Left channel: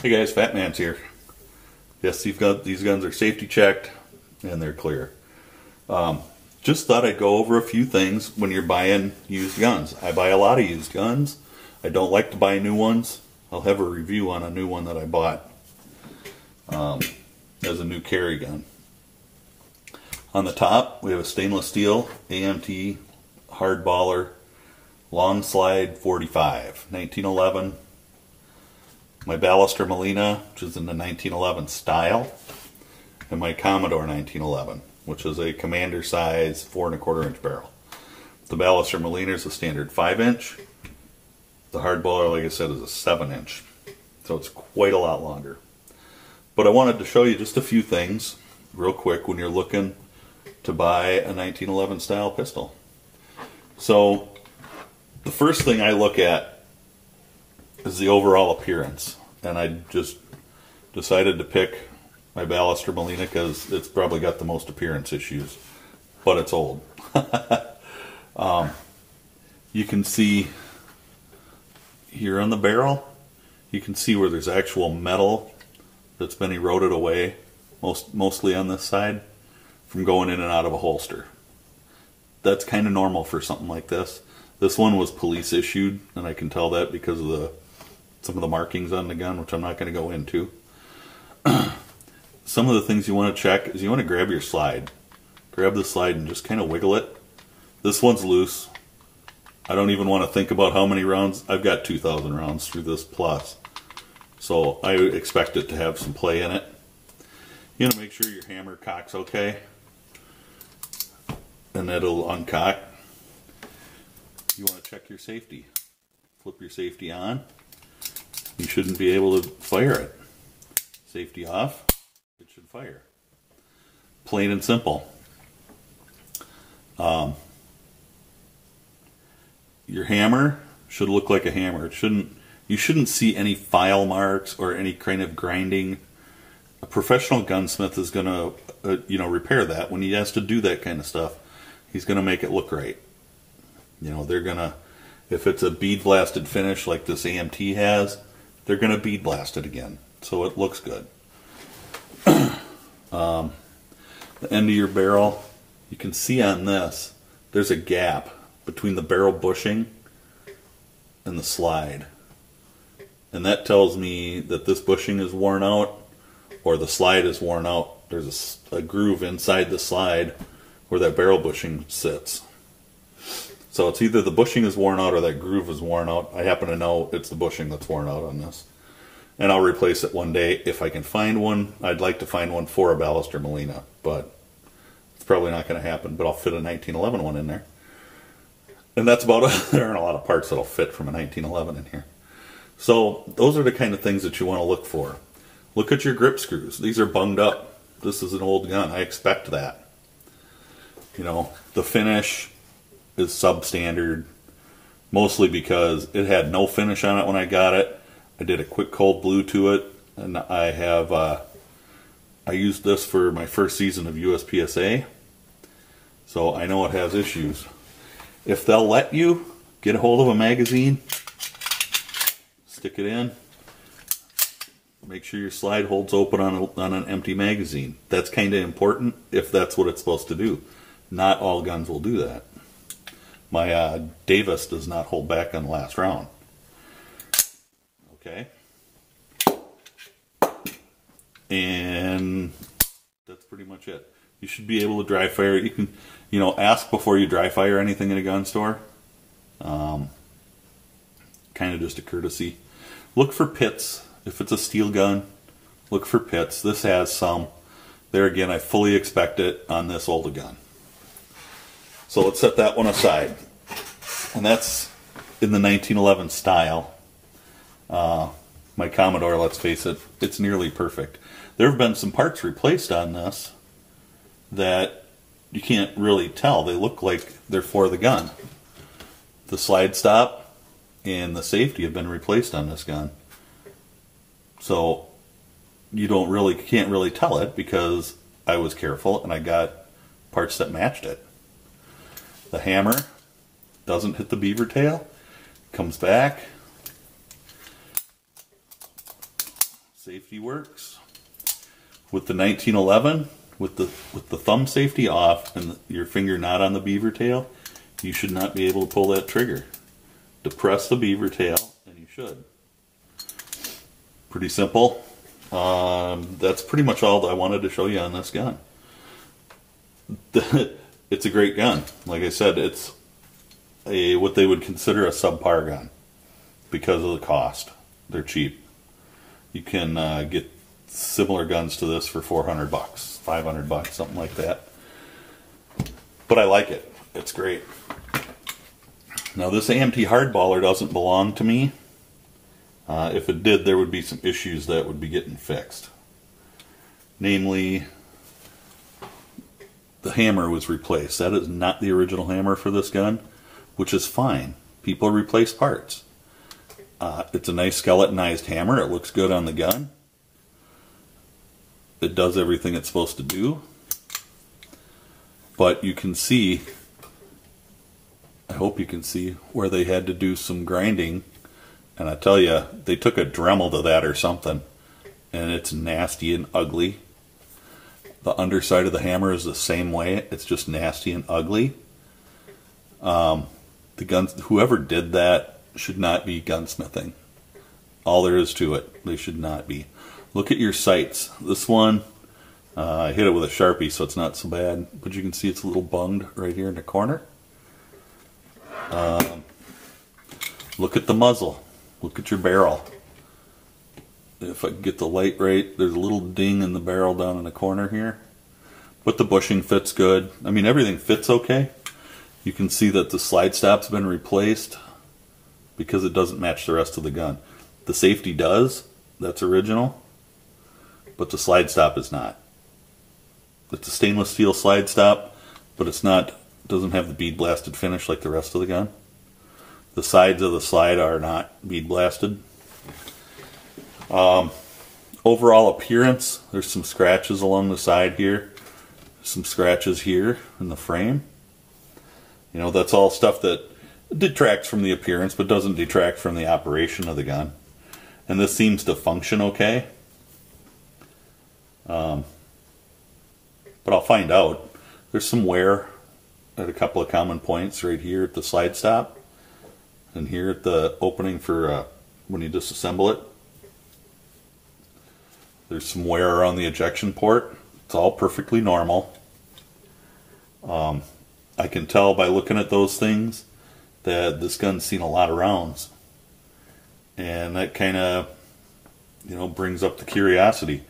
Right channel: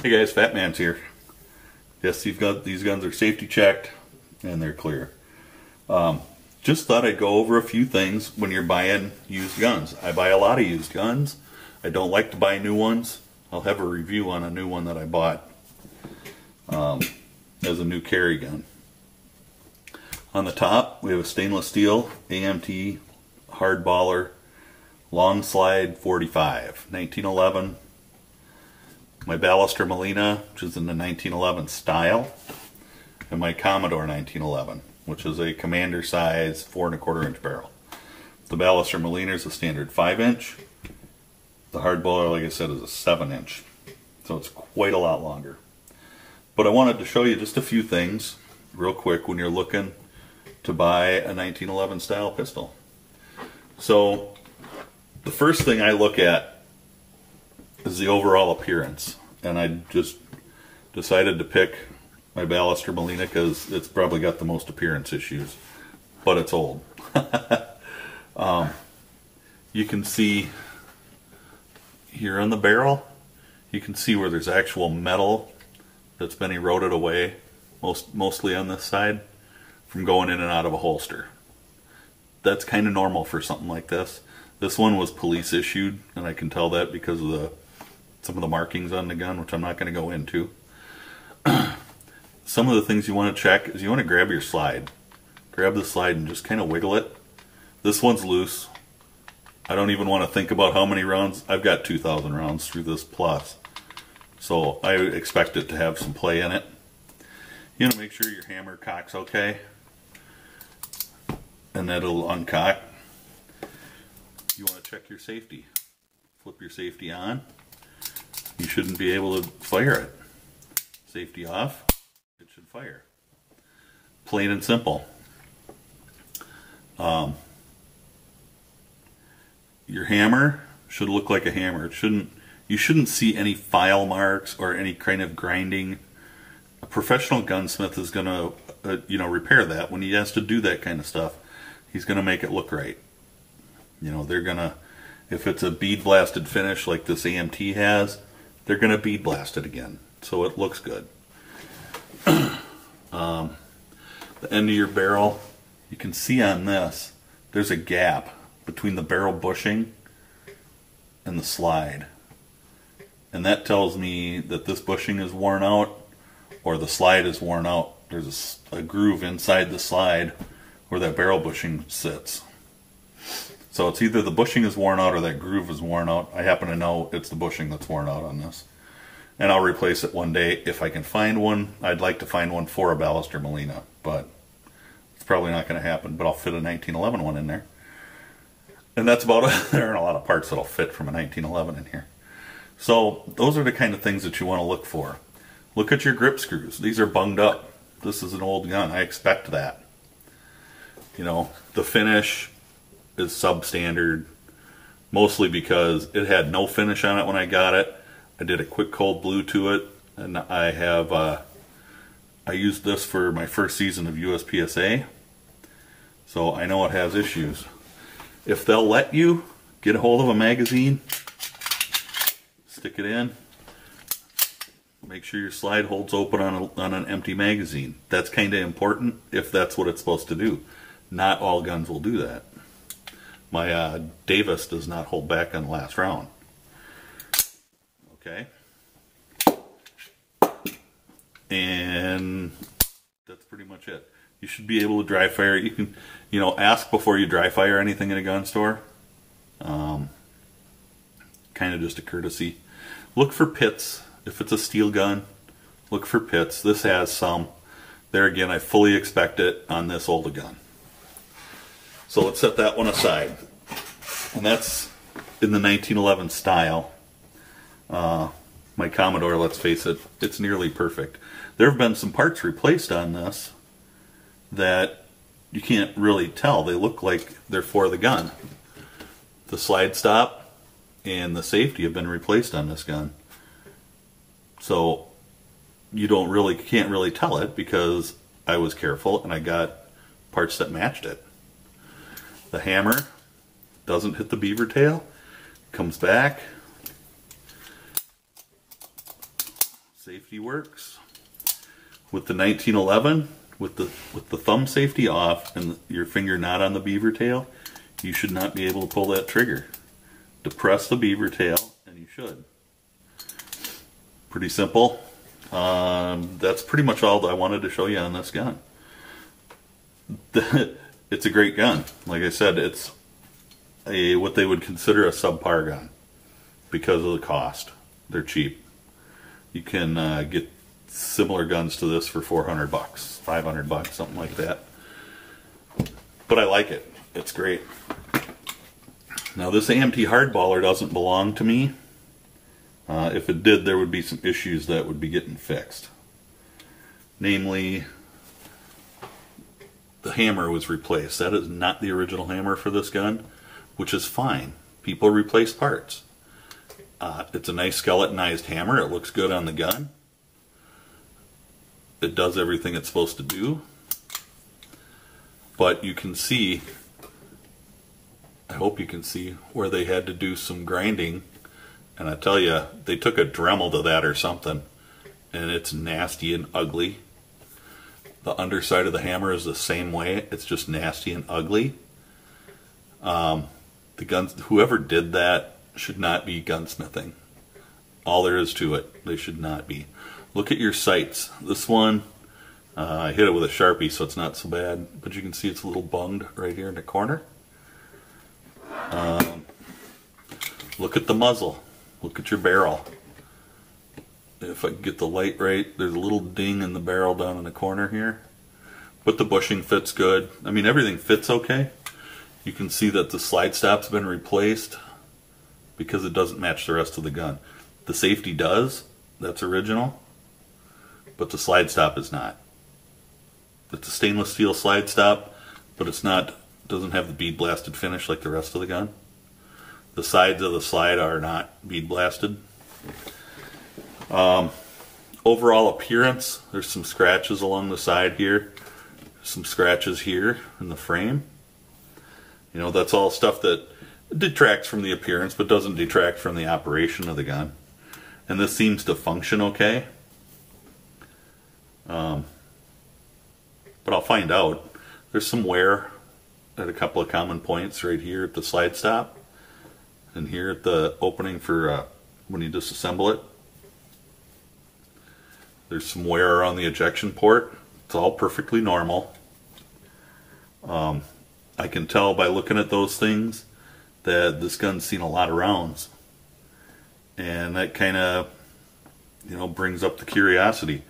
Hey guys, Fat Man's here. Yes, these guns are safety checked and they're clear. Just thought I'd go over a few things when you're buying used guns. I buy a lot of used guns. I don't like to buy new ones. I'll have a review on a new one that I bought as a new carry gun. On the top, we have a stainless steel AMT hardballer long slide 45, 1911. My Ballester Molina, which is in the 1911 style, and my Commodore 1911, which is a commander size 4 1/4 inch barrel. The Ballester Molina is a standard 5 inch. The hardballer, like I said, is a 7 inch. So it's quite a lot longer. But I wanted to show you just a few things real quick when you're looking to buy a 1911 style pistol. So the first thing I look at is the overall appearance, and I just decided to pick my Ballester Molina because it's probably got the most appearance issues, but it's old. You can see here on the barrel, you can see where there's actual metal that's been eroded away, mostly on this side, from going in and out of a holster. That's kind of normal for something like this. This one was police issued, and I can tell that because of some of the markings on the gun, which I'm not going to go into. Some of the things you want to check is you want to grab your slide. Grab the slide and just kind of wiggle it. This one's loose. I don't even want to think about how many rounds. I've got 2,000 rounds through this plus. So I expect it to have some play in it. You want to make sure your hammer cocks okay. And it'll uncock. You want to check your safety. Flip your safety on. You shouldn't be able to fire it. Safety off, it should fire. Plain and simple. Your hammer should look like a hammer. You shouldn't see any file marks or any kind of grinding. A professional gunsmith is going to repair that. When he has to do that kind of stuff, he's going to make it look right. They're going to, if it's a bead blasted finish like this AMT has, they're going to bead blast it again, so it looks good. The end of your barrel, you can see on this, there's a gap between the barrel bushing and the slide. And that tells me that this bushing is worn out or the slide is worn out. There's a groove inside the slide where that barrel bushing sits. So it's either the bushing is worn out or that groove is worn out. I happen to know it's the bushing that's worn out on this. And I'll replace it one day if I can find one. I'd like to find one for a Ballester Molina, but it's probably not going to happen. But I'll fit a 1911 one in there. And that's about it. There aren't a lot of parts that'll fit from a 1911 in here. So those are the kind of things that you want to look for. Look at your grip screws. These are bunged up. This is an old gun. I expect that. The finish is substandard, mostly because it had no finish on it when I got it. I did a quick cold blue to it, and I used this for my first season of USPSA, so I know it has issues. If they'll let you get a hold of a magazine, stick it in, make sure your slide holds open on an empty magazine. That's kind of important if that's what it's supposed to do. Not all guns will do that. My Davis does not hold back on the last round. Okay. And that's pretty much it. You should be able to dry fire. You can, ask before you dry fire anything in a gun store. Kind of just a courtesy. Look for pits. If it's a steel gun, look for pits. This has some. There again, I fully expect it on this older gun. So let's set that one aside. And that's in the 1911 style. My Commodore, let's face it, it's nearly perfect. There have been some parts replaced on this that you can't really tell. They look like they're for the gun. The slide stop and the safety have been replaced on this gun. So you can't really tell it because I was careful and I got parts that matched it. The hammer doesn't hit the beaver tail, comes back, Safety works. With the 1911, with the thumb safety off and your finger not on the beaver tail, you should not be able to pull that trigger. Depress the beaver tail and you should. Pretty simple. That's pretty much all that I wanted to show you on this gun. It's a great gun. Like I said, it's what they would consider a subpar gun because of the cost. They're cheap. You can get similar guns to this for 400 bucks, 500 bucks, something like that. But I like it. It's great. Now this AMT hardballer doesn't belong to me. If it did, there would be some issues that would be getting fixed. Namely, the hammer was replaced. That is not the original hammer for this gun, which is fine. People replace parts. It's a nice skeletonized hammer. It looks good on the gun. It does everything it's supposed to do. But you can see, I hope you can see, where they had to do some grinding. And I tell you, they took a Dremel to that or something. And it's nasty and ugly. The underside of the hammer is the same way. It's just nasty and ugly. The guns, whoever did that should not be gunsmithing. All there is to it. They should not be. Look at your sights. This one, I hit it with a Sharpie, so it's not so bad. But you can see it's a little bunged right here in the corner. Look at the muzzle. Look at your barrel. If I can get the light right, there's a little ding in the barrel down in the corner here. But the bushing fits good. I mean, everything fits okay. You can see that the slide stop's been replaced because it doesn't match the rest of the gun. The safety does. That's original. But the slide stop is not. It's a stainless steel slide stop, but it's not, doesn't have the bead blasted finish like the rest of the gun. The sides of the slide are not bead blasted. Overall appearance, there's some scratches along the side here. Some scratches here in the frame. You know, that's all stuff that detracts from the appearance, but doesn't detract from the operation of the gun. And this seems to function okay. But I'll find out. There's some wear at a couple of common points right here at the slide stop. And here at the opening for when you disassemble it. There's some wear around the ejection port. It's all perfectly normal. I can tell by looking at those things that this gun's seen a lot of rounds. And that kind of, you know, brings up the curiosity.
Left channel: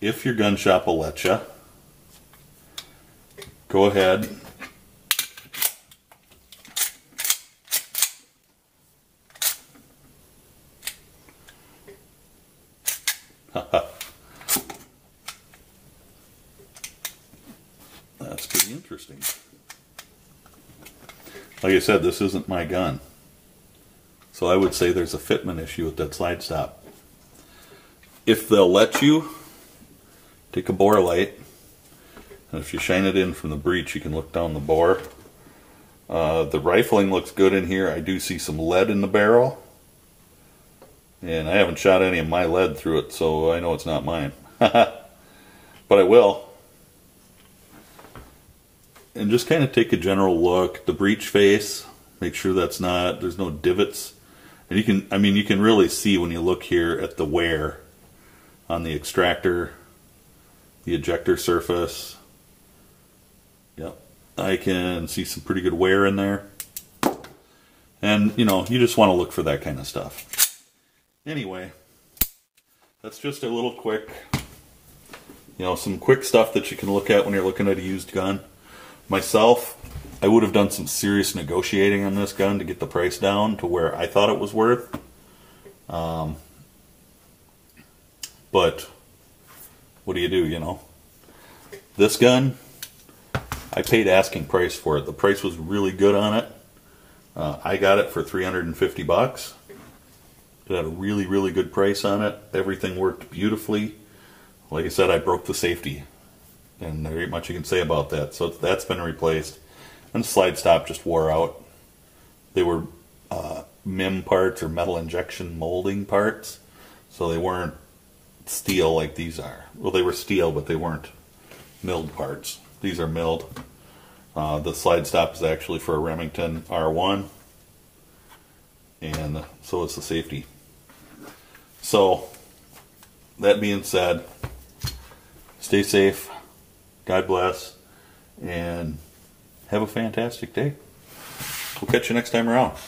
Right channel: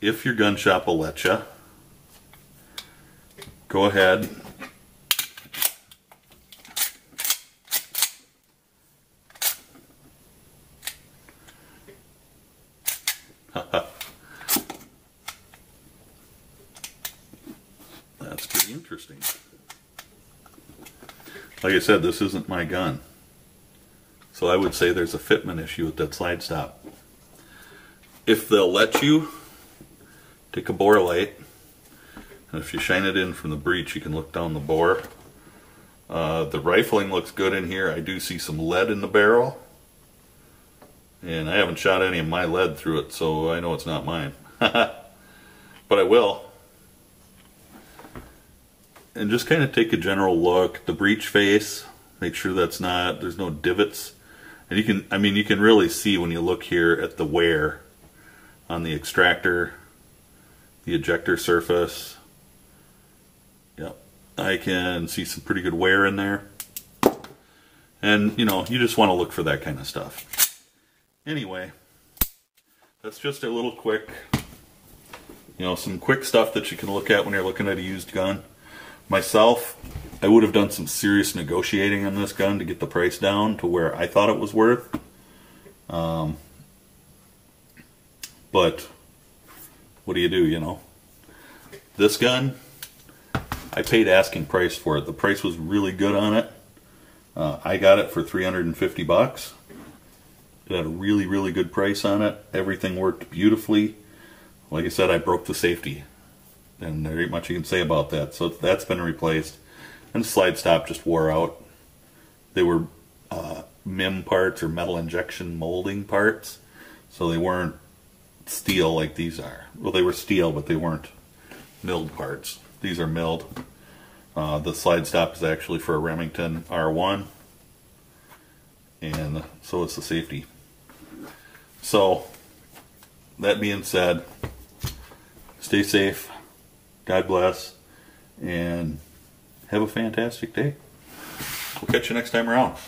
If your gun shop will let you, go ahead. That's pretty interesting. Like I said, this isn't my gun. So I would say there's a fitment issue with that slide stop. If they'll let you, take a bore light. And if you shine it in from the breech, you can look down the bore. The rifling looks good in here. I do see some lead in the barrel. And I haven't shot any of my lead through it, so I know it's not mine. But I will. And just kind of take a general look. The breech face, make sure that's not, there's no divots. And you can, I mean, you can really see when you look here at the wear on the extractor, the ejector surface. Yep, I can see some pretty good wear in there. And, you know, you just want to look for that kind of stuff. Anyway, that's just a little quick, you know, some quick stuff that you can look at when you're looking at a used gun. Myself, I would have done some serious negotiating on this gun to get the price down to where I thought it was worth. But what do, you know? This gun, I paid asking price for it. The price was really good on it. I got it for 350 bucks. Got a really, really good price on it. Everything worked beautifully. Like I said, I broke the safety. And there ain't much you can say about that. So that's been replaced. And the slide stop just wore out. They were MIM parts or metal injection molding parts. So they weren't steel like these are. Well, they were steel, but they weren't milled parts. These are milled. The slide stop is actually for a Remington R1, and so is the safety. So, that being said, stay safe, God bless, and have a fantastic day. We'll catch you next time around.